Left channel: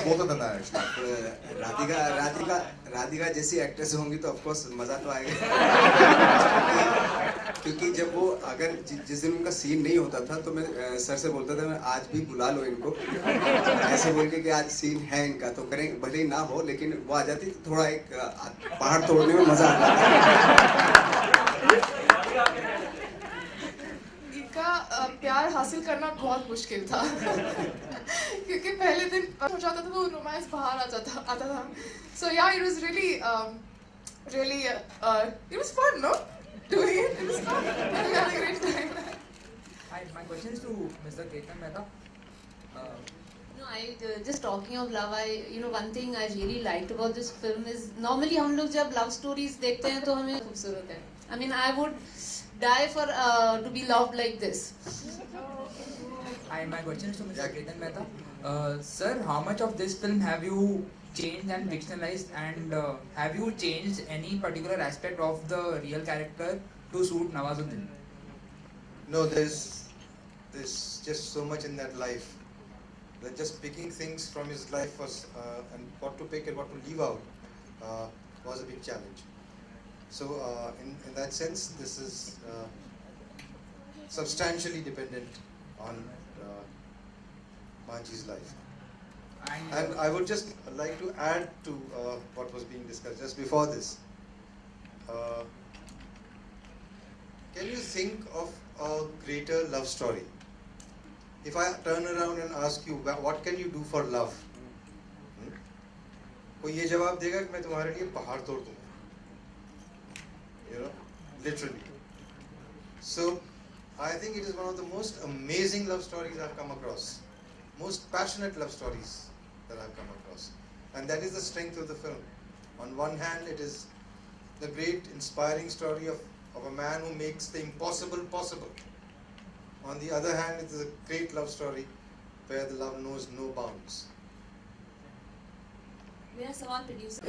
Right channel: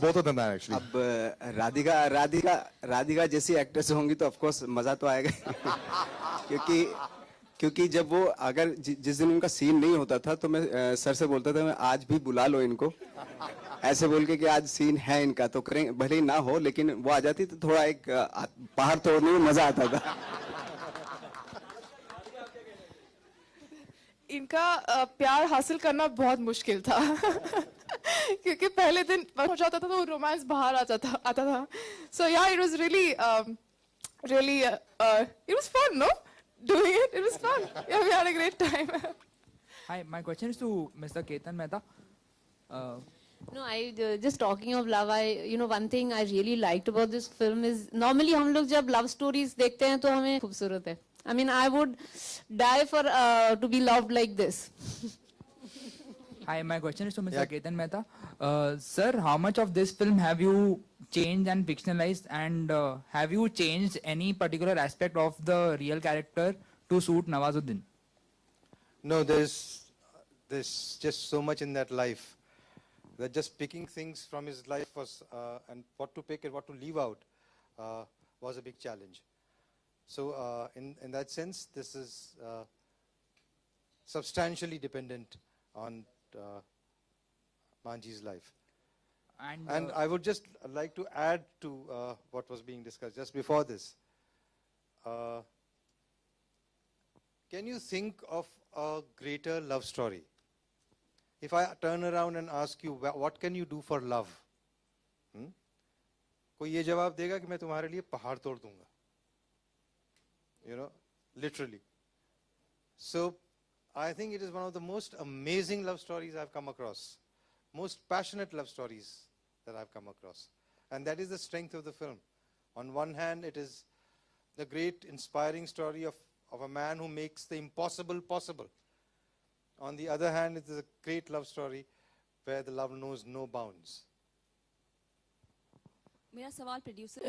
us both of them are actually. अब राधिका जैसी actress होंगी तो ऑफ कोर्स मजा तो आएगा क्योंकि जब वो अगर जिस दिन उनका सीन नहीं होता था तो मैं सर से बोलता था मैं आज भी बुला लो इनको ऐसे बोल के कि आज सीन है इनका तो कहीं भले ही ना हो लेकिन वो आ जाती तो थोड़ा एक पहाड़ तोड़ने में मजा आता था। इनका प्यार हासिल करना बहुत मुश्किल था क्योंकि पहले दिन हो जाता था तो रोमांस बाहर आता था so yeah it was really it was fun no doing it was fun yeah we had a great time. Hi, my question is to Mr. Ketan Mehta. No, just talking of love, one thing I really liked about this film is normally हम लोग जब love stories देखते हैं तो हमें खूबसूरत है. I mean, I would die for to be loved like this. Hi, my question is to Mr. Ketan Mehta. Sir, how much of this film have you changed and fictionalized, and have you changed any particular aspect of the real character to suit Nawazuddin? No, there's just so much in that life that just picking things from his life was and what to pick and what to leave out was a big challenge. So in that sense, this is substantially dependent on Manji's life. And I would just like to add to what was being discussed just before this. Can you think of a greater love story? If I turn around and ask you, what can you do for love? कोई ये जवाब देगा कि मैं तुम्हारे लिए पहाड़ तोड़ दूंगा, literally. So I think it is one of the most amazing love stories I've come across, most passionate love stories that I've come across, and that is the strength of the film. On one hand, it is the great inspiring story of a man who makes the impossible possible. On the other hand, it is a great love story where the love knows no bounds. मेरा सवाल producer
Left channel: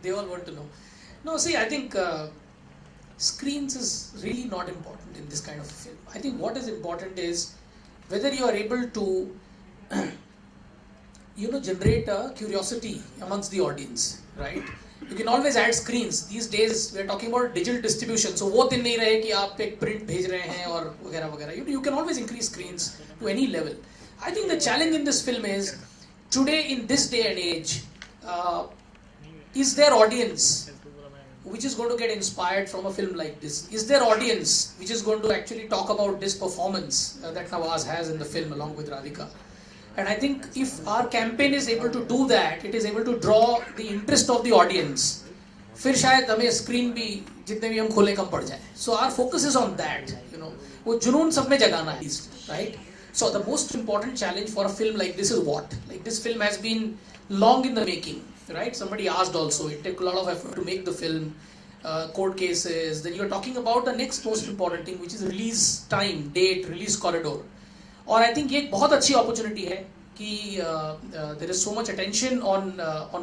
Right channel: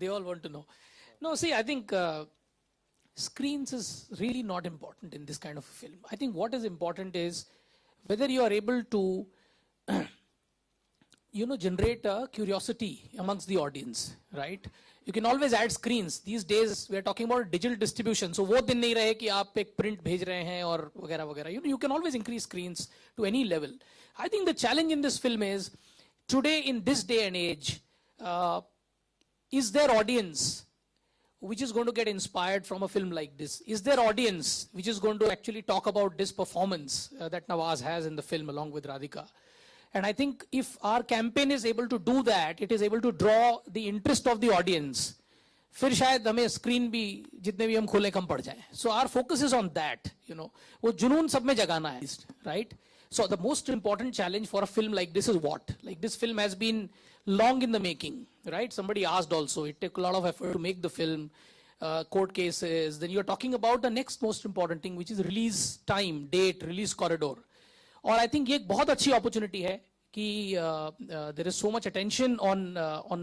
They all want to know. No, see, I think screens is really not important in this kind of film. I think what is important is whether you are able to, generate a curiosity amongst the audience, right? You can always add screens. These days we are talking about digital distribution. So वो दिन नहीं रहे कि आप एक print भेज रहे हैं और वगैरह वगैरह. You can always increase screens to any level. I think the challenge in this film is today in this day and age, is there audience which is going to get inspired from a film like this? Is there audience which is going to actually talk about this performance that Nawaz has in the film along with Radhika? And I think if our campaign is able to do that, it is able to draw the interest of the audience. फिर शायद हमें screen भी जितने भी हम खोले कम पड़ जाए. So our focus is on that. वो जुनून सब में जगाना है, right? So the most important challenge for a film like this is what? Like this film has been long in the making, right? Somebody asked also. It took a lot of effort to make the film. Court cases. Then you're talking about the next most important thing, which is release time, date, release corridor. और I think ये एक बहुत अच्छी opportunity है कि there is so much attention on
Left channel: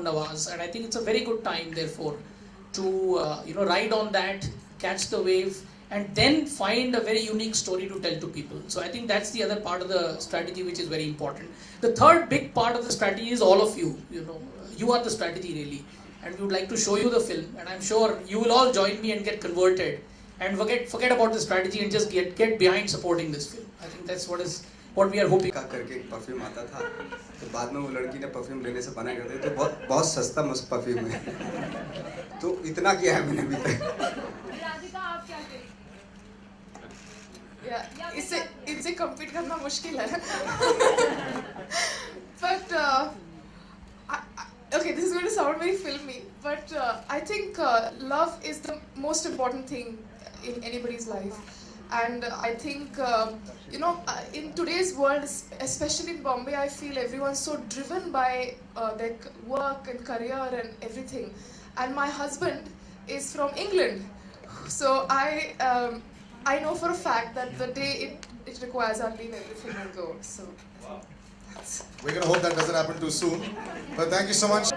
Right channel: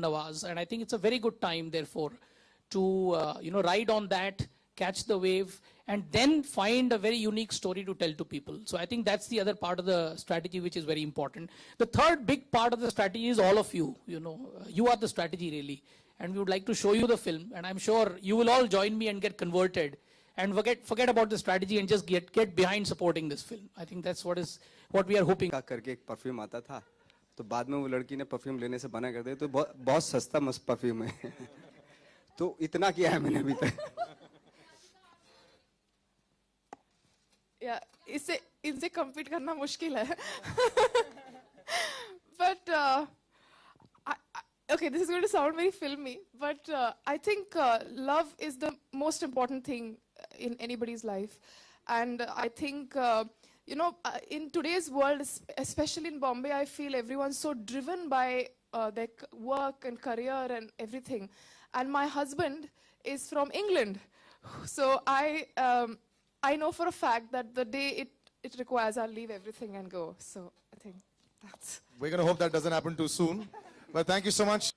Nawaz, and I think it's a very good time therefore to ride on that, catch the wave, and then find a very unique story to tell to people. So I think that's the other part of the strategy which is very important. The third big part of the strategy is all of you. You are the strategy really, and we would like to show you the film, and I'm sure you will all join me and get converted and forget about the strategy and just get behind supporting this film. I think that's what we are hoping. करके एक perfume आता था तो बाद में वो लड़की ने परफ्यूम लेने से मना कर दिया तो बहुत सस्ता मुझ परफ्यूम है तो इतना किया है मैंने अभी तक. राधिका आप क्या करें? इसे कंप्लीट करना मुश्किल है but okay, this is going to sound very filmy, but I think love is the most important thing in anybody's life, and I think in today's world, especially in Bombay, I feel everyone's so driven by their work and career and everything, and my husband is from England, so I know for a fact that the day it requires, I'll leave everything and go. So. We're going to hope that doesn't happen too soon. But thank you so much.